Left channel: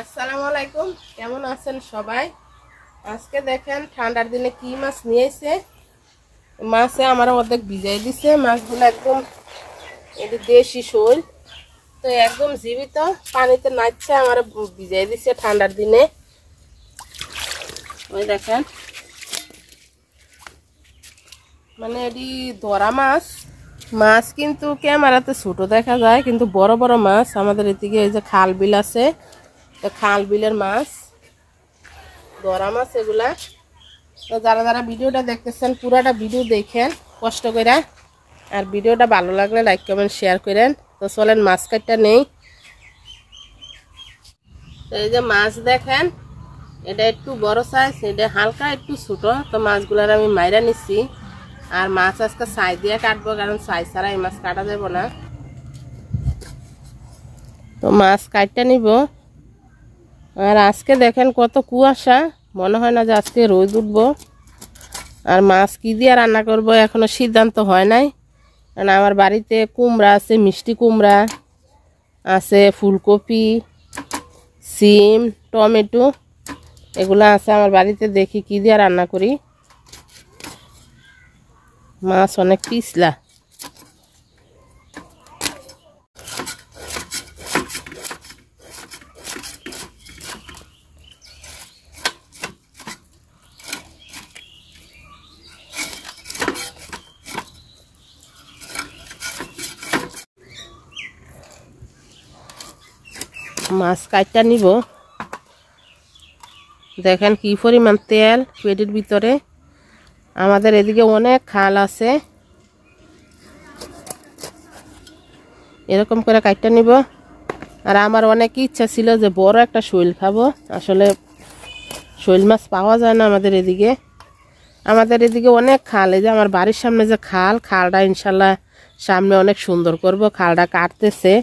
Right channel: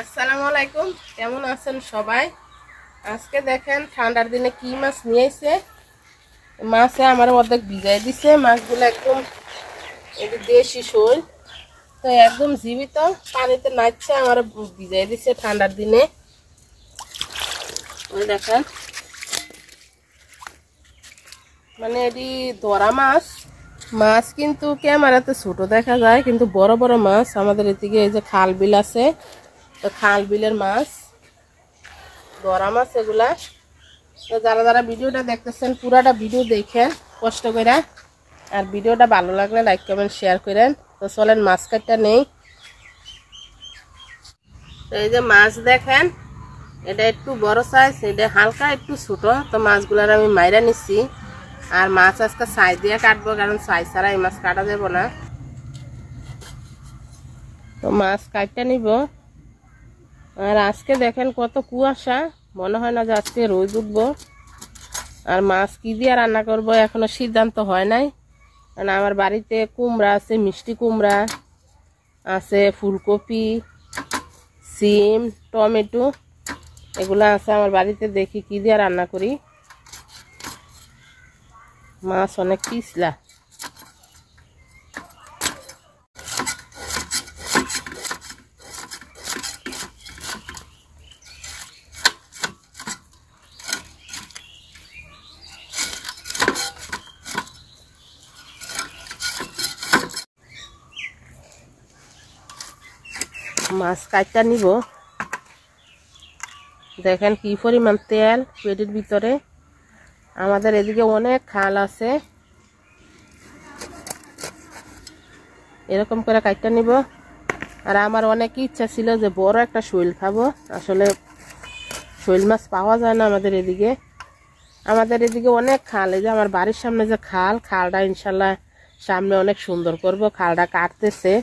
আসসালামু আলাইকুম, কেমন আছেন সবাই? আজকে দেখেন ঠান্ডার দিনে কি মাছ নিয়েছে। মাছে আমার অর্ধেক ভিজাই দিছে। মাছগুলো একদম দেশি শোল, তো একদম জীবিত পানিতে নাচছে, আমার ভিজাই দিছে ঠান্ডার দিনে। ওই দেখেন, মানে এটি ধরা মাছ। মাছ কিন্তু ক্যামেরাতে ছোট দেখা যায়, কিন্তু বড় বড় মাছ। আমাদের এদিকে এই যে খাল বিল আছে, তো খাল বিলের মাছ, ধরা মাছ এগুলা। তো যারা যারা ভিডিওটা দেখতেছেন পুরাটা ভিডিও দেখেন কষ্ট করে, আর ভিডিওটা ভালো লাগলে লাইক কমেন্ট শেয়ার করেন। তো চলেন মাছ কাটটা নেই। তো এই যে মাছ দেখেন, এটা একটু বড় সাইজ, এটা হালকা একটু ছোট। তো মাছগুলার আমি মাইরা নিচ্ছি, আর মাছ আজকে ছাই দিয়ে কাটবো, কারণ ছাই ছাড়া এই মাছ কাটা যাবো না। তো মাছ কাটটা নিব। আর আজকে দেখেন কত কুয়াশা, মনে হয় না যে আজকে রোদ উঠবো। আর মাছ কি দিয়ে রান্না করব এখনো সিদ্ধান্ত হয় নাই, কারণ আমার বাড়িতে কুমড়া আছে, মিষ্টি কুমড়া আছে, ফুলকপি, সিম, টমেটো এগুলো আছে আমার বাড়িতে। দেখি কি দিয়ে রান্না করি। মাছ অনেক পিছলা। মাছ কাটটা নিব। দেখেন কি পরিমাণ তেল পেটের ভিতরে। আমাদের এদিকে অনেক খাল আছে, এরকম করে কাটটা নিব। আর আমার অনেক ইচ্ছা ছিল যে বড় একটা শৈল খাবো, আসলে শৈল মাছ পাওয়া যায় না আমাদের এদিকে। আমাদের এদিকে অনেক খাল, এই যে আমার বাড়ির সামনে যে খালটা ইনশাল্লাহ সামনে অনেক সুন্দর করব। খালটা কাটতেছে,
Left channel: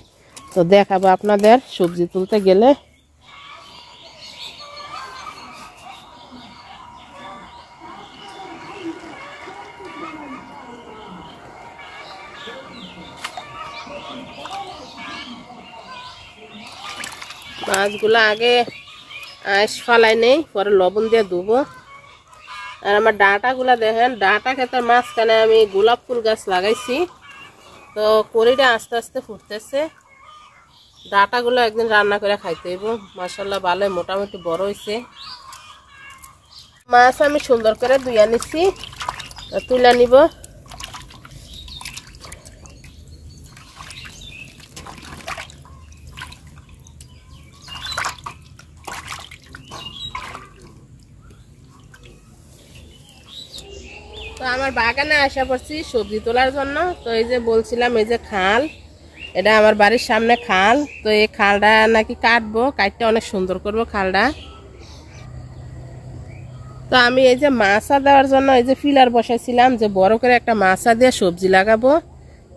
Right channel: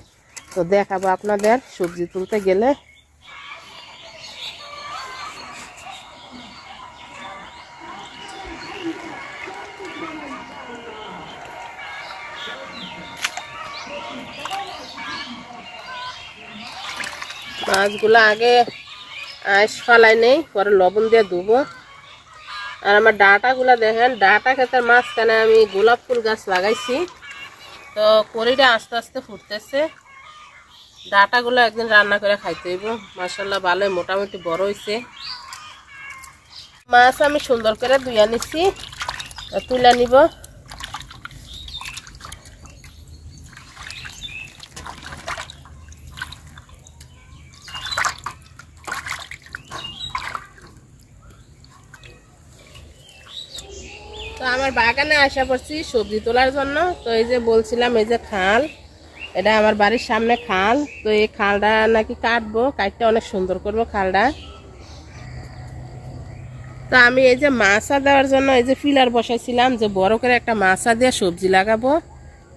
তো দেখাবো আপনাদের সবজি তুলতে গেলে। মাছগুলো আগে আইস ফালাই নেই, পরে লবণ দিয়ে ধুবো। আর আমার ডাঁটাগুলো দেখেন, ডাঁটা ক্ষেতের মাঝখানে আমি গোলাপ ফুল গাছ লাগাইছি, তো কড়িটা আস্তে আস্তে ফুটতেছে। ডাঁটাগুলো একদিন রান্না করে খাইতে হইব। মাশাআল্লাহ ভালো মোটামুটি বড় হয়েছে। মাছ আমি সুন্দর করে ধুইয়া নিচ্ছি, তুলে নিব। তো আমার বাগানে আসা পড়ছি সবজি তোলার জন্য। তো এই যে বলছিলাম, এই যে খাল, এটা আমার বাড়ির সামনে খাল। তো এই খালটা নাকি কাটবো, কাটতে অনেক সুন্দর করবো খালটা। তো আমি এই যে মাছা দেওয়ার জন্য এই যে ফিলার বসাইছিলাম, যে বড় করে একটা মাছা দিয়ে সবজি লাগাবো।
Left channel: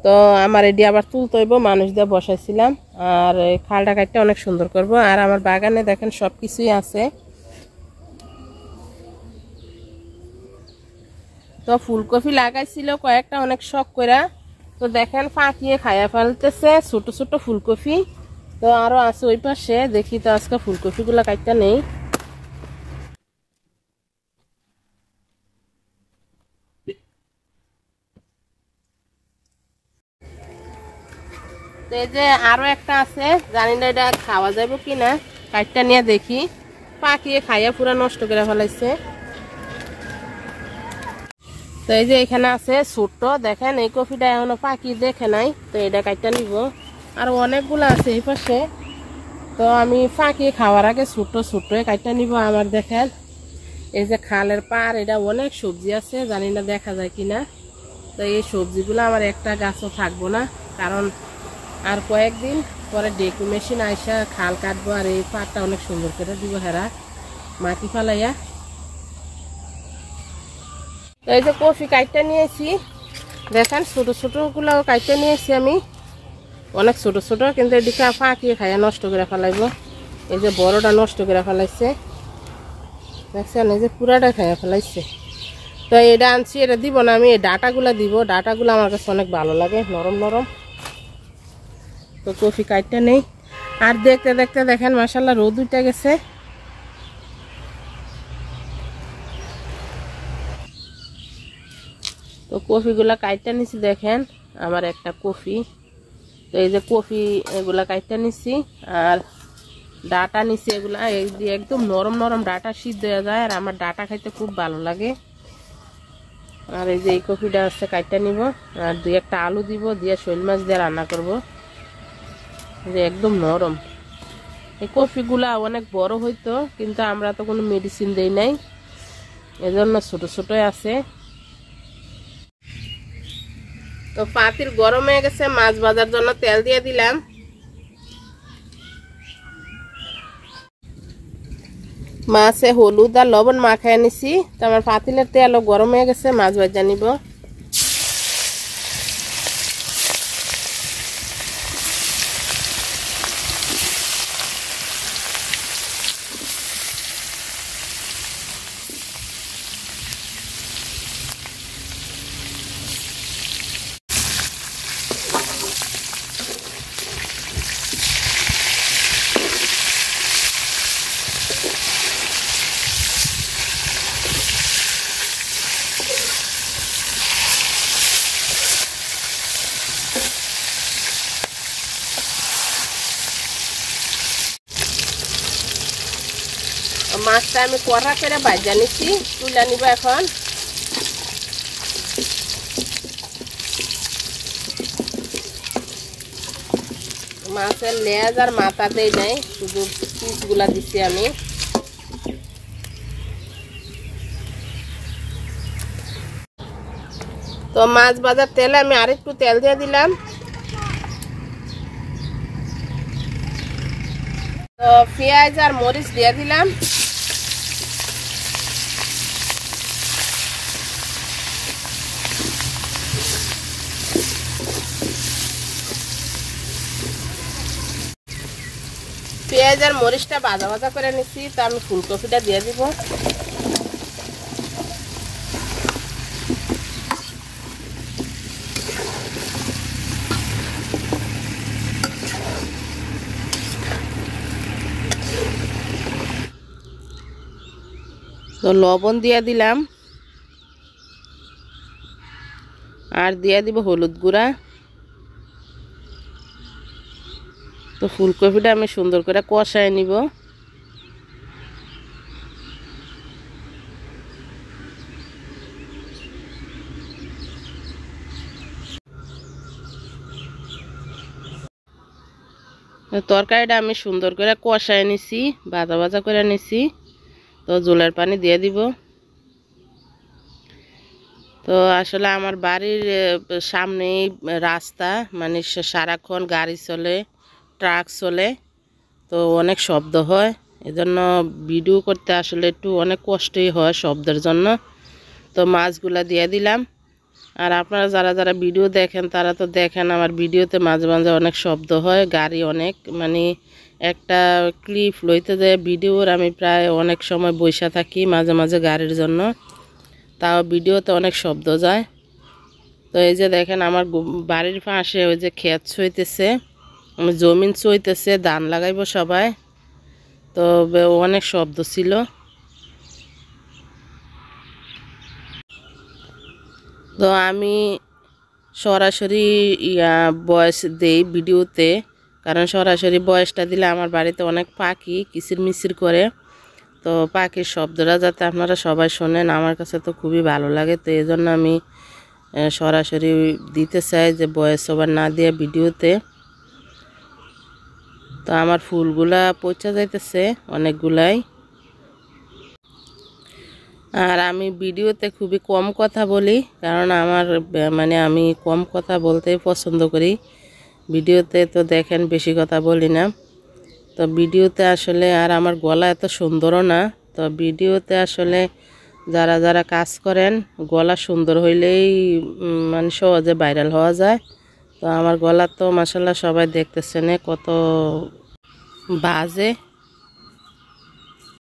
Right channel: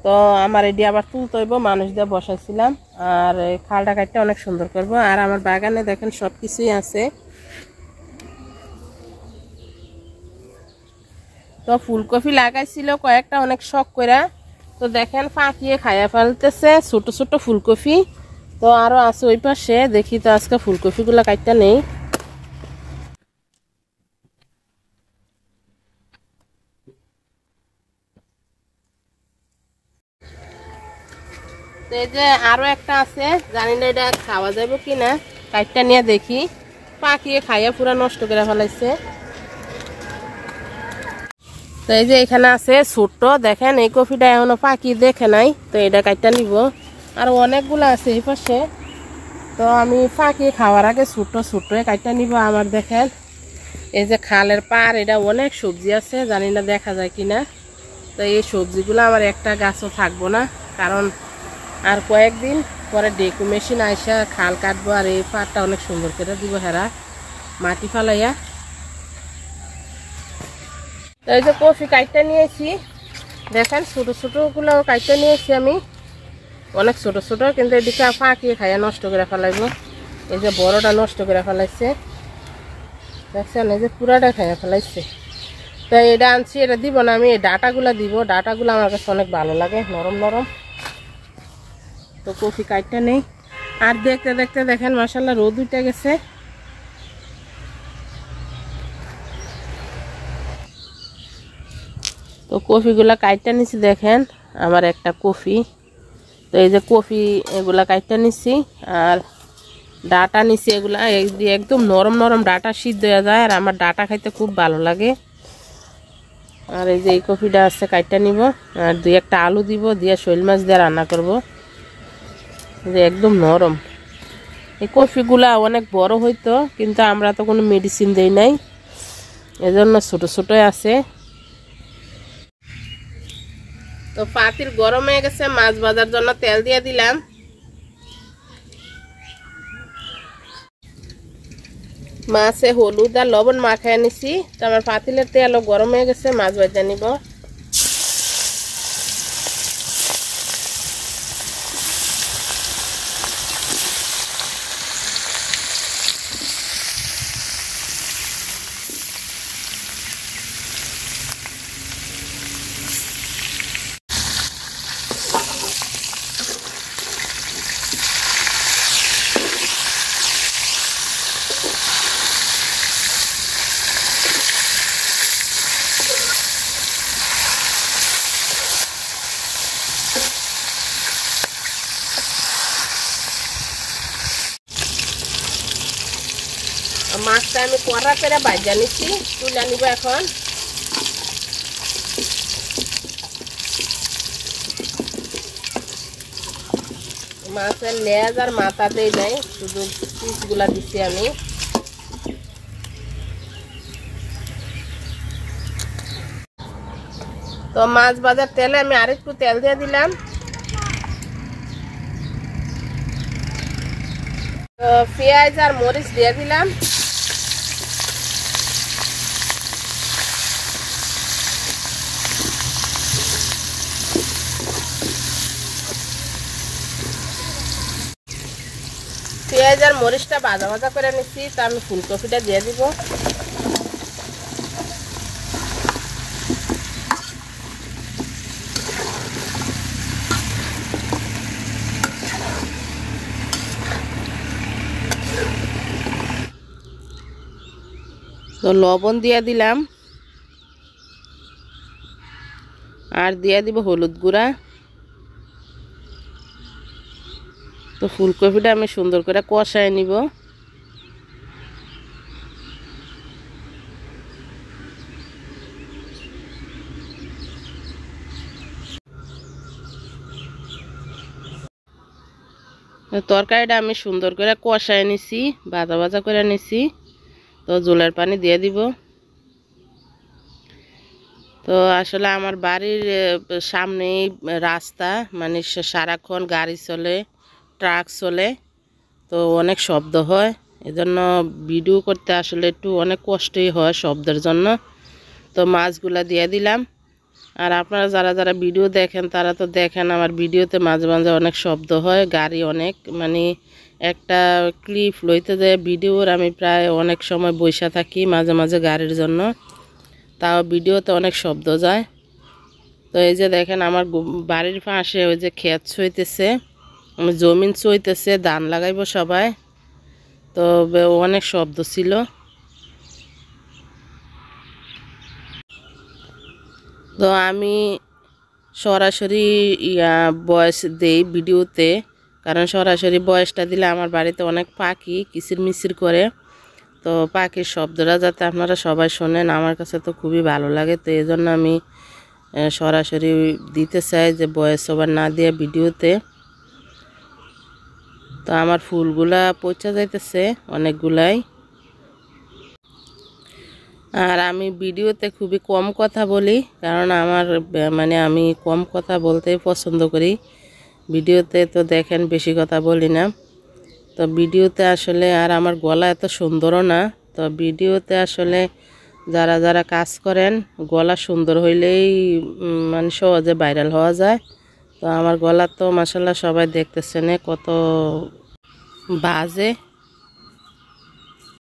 তো আমার এটি আবার তুলতে হইব, মানুষ দিয়ে বসাইছিলাম। আর এই খালটা কাটতে অনেক সুন্দর করব। আর আমার বাগানে দেখেন সব কিছুই আছে। তো ফুলকপি লাগাইছিল কয়েকটা, অনেক শখ করে। তো দেখেন ফাঁকিয়ে খাইয়া ফেলতেছে ছোট ছোট ফুলকপি। তো আরো আছে ওই পাশে, দেখি তো আজকে ফুলকপিগুলো কাটতে নেই। তো এই যে আরো একটা আছে, জানি না এটা খাওয়া যাবে কিনা, কাটটা নিয়ে দেখি। পাকিয়ে খাইয়া পুরা নষ্ট করে ফেলাইছে। তো এই যে এখানে আছে ছোট্ট, দেখেন এই কপিটা এখনো পাকি দেখে নাই, তো এটা কাটটা নিব। আর অনেকগুলো আছে এই পাশে, তো আমি পাকি খাওয়ার আগে ছোট ছোট কাটটা নিব। আমার দেখেন এই যে খালের পার, এটা অনেক সবজি আছে, জানি না দেখা যায় কিনা। তো এই সবজিগুলো আমার একটা গাছও থাকবো না, কারণ আর কয়েকদিন পরে ডেকু মেশিন আইসা খাল কাটবো। আর এই পাটটা অনেক সুন্দর করে দিব হেরা মাটি ফালাইয়া। তো এই যে কফি কাটটা নিয়েছি, দেখেন ছোট ছোট গুলো কাটটা নিয়েছি আমি, অনেক ছোট ছোট, কিন্তু এদিকে ফাঁকিয়ে খাইয়া নষ্ট করে ফেলাইবো। এই যে বড়টা নষ্ট করে ফেলাইছে, দেখছেন এই যে পুরাটা খাইয়া ফেলাইছে। তো এটা আনছি, এটা দিব না আমি, এই ডাটাগুলা দিব। ডাটাগুলো আমার কাছে অনেক ভালো লাগে, নরম নরম। তো কফি কাটটা নেই। আর দেখতে দেখতে দেখেন মাশাআল্লাহ রোদ উঠে গেছে। তো কফিগুলা কাইটা নিছি দেখেন, আমার একটা কফি। তো এই যে কফি এগুলা কাইটা নিছি, আর ডাটা নিছি। এগুলা একদম নরম নরম ডাটা সিদ্ধ হয়ে যায়, আর আমার ডাটা খাইতে খুব ভালো লাগে। আর এই যে এই কফিটা আছে কাইটা নিব, আর 2-1টা আলু দিব, দিয়ে শৈল মাছ দিয়ে রান্না করব। এই যে একদম নরম। এই কফিগুলা অনেক বড় হইতো, কিন্তু আমরা তো কোনো মেডিসিন দেই নাই, এজন্য ছোট ছোটই আছে। তো পাতিল গরম হয়ে গেছে, মাছ ভাজার জন্য তেল দিয়ে দিলাম। মাছে হলুদ আর লবণ মাখায় নিছি। তো আমার পাতিলের তেলও গরম হয়ে গেছে, মাছ ভাজা নিব। মাছটা আমি কড়া করে ভাজা নিচ্ছি, তুলে নিব এখন। মাছের লেজ আর মাথা দেই নাই, শুধু পিসগুলা দিচ্ছি আমি। তো মাছ ভাজার তেলে আমি আরেকটু তেল দিয়ে দিলাম। তো পেঁয়াজ আর মরিচ দিয়ে দিলাম। পেঁয়াজ আর মরিচটা ভাজা ভাজা করে নিচ্ছি, তা আমি ফুলকপিটা দিয়ে দিব। তো লবণ দিয়ে দিলাম, আর দিয়ে দিব হলুদ গুঁড়া। তো ফুলকপিটা আমি সুন্দর করে কষায় নিব। তরকারিটা আমি সুন্দর করে কষায় নিছি, ভাজা ভাজা করে নিছি। তো জলের পানি দিয়ে দিব। তো আসলে আমার বাড়ির সামনেই রাস্তা, মানে সারাক্ষণ গাড়ি চলে, ট্রাক চলে, তো অনেক শব্দ হয়। এজন্য ভিডিও করতে আসলে একটু অনেক কষ্টই হয় শব্দের জন্য। তো মাছগুলা দিয়ে দিলাম। আর আপনারা যারা যারা ভিডিও দেখেন তারা তো দেখেন আমার ভিডিওতে মাঝে মাঝে অনেক শব্দ হয়, গাড়ি অনেক, মানে একটা ক্লিপ লইতে যায় ভিডিওর আমি প্রায় অনেক সময় বসে থাকি মাঝে মাঝে গাড়ির জন্য, তাও ভিডিওতে অনেক শব্দ যায়। তো এই যে দেখেন আমার বাড়ির পাশে ওই যে ক্ষেত ছইতেছে, জমিন ছইতেছে, ধান লাগাইব সবাই। তো অনেক শব্দ ছিল। তো আমি সরাসরি ভয়েস দেই ভিডিওতে, কারণ সরাসরি ভয়েসটা দিলে আমার বাড়িতে অনেক পাখি কিচিরমিচির করে। তো পাখির শব্দটা যাতে আপনারা সবাই শোনেন, আমার কাছে তো খুবই ভালো লাগে। তো এই জন্য আমি সরাসরি দিতে চাই, যে ভয়েস ওভার না দিয়ে ভিডিওতে। তো আমার ফুলগুলা পচা যাইতেছে অনেকগুলাই। আর আমি ভিডিওতে খুবই কম কথা বলি, কারণ আমার মানে আমি কম কথা বলতেই পছন্দ করি। ভিডিওতে তো দেখেন বেশি কথা বলি না। তো ভিডিওতে আসলে, আর আমার গলা এত সুন্দরও না, তো ভিডিওতে আসলে যারা যারা কাজ করেন গলা সুন্দর হইলেই মানে সহজে ভাইরাল হওয়া যায়। তো আমার গলা তো মাশাআল্লাহ সবাই দেখতেছেন কত বাজে।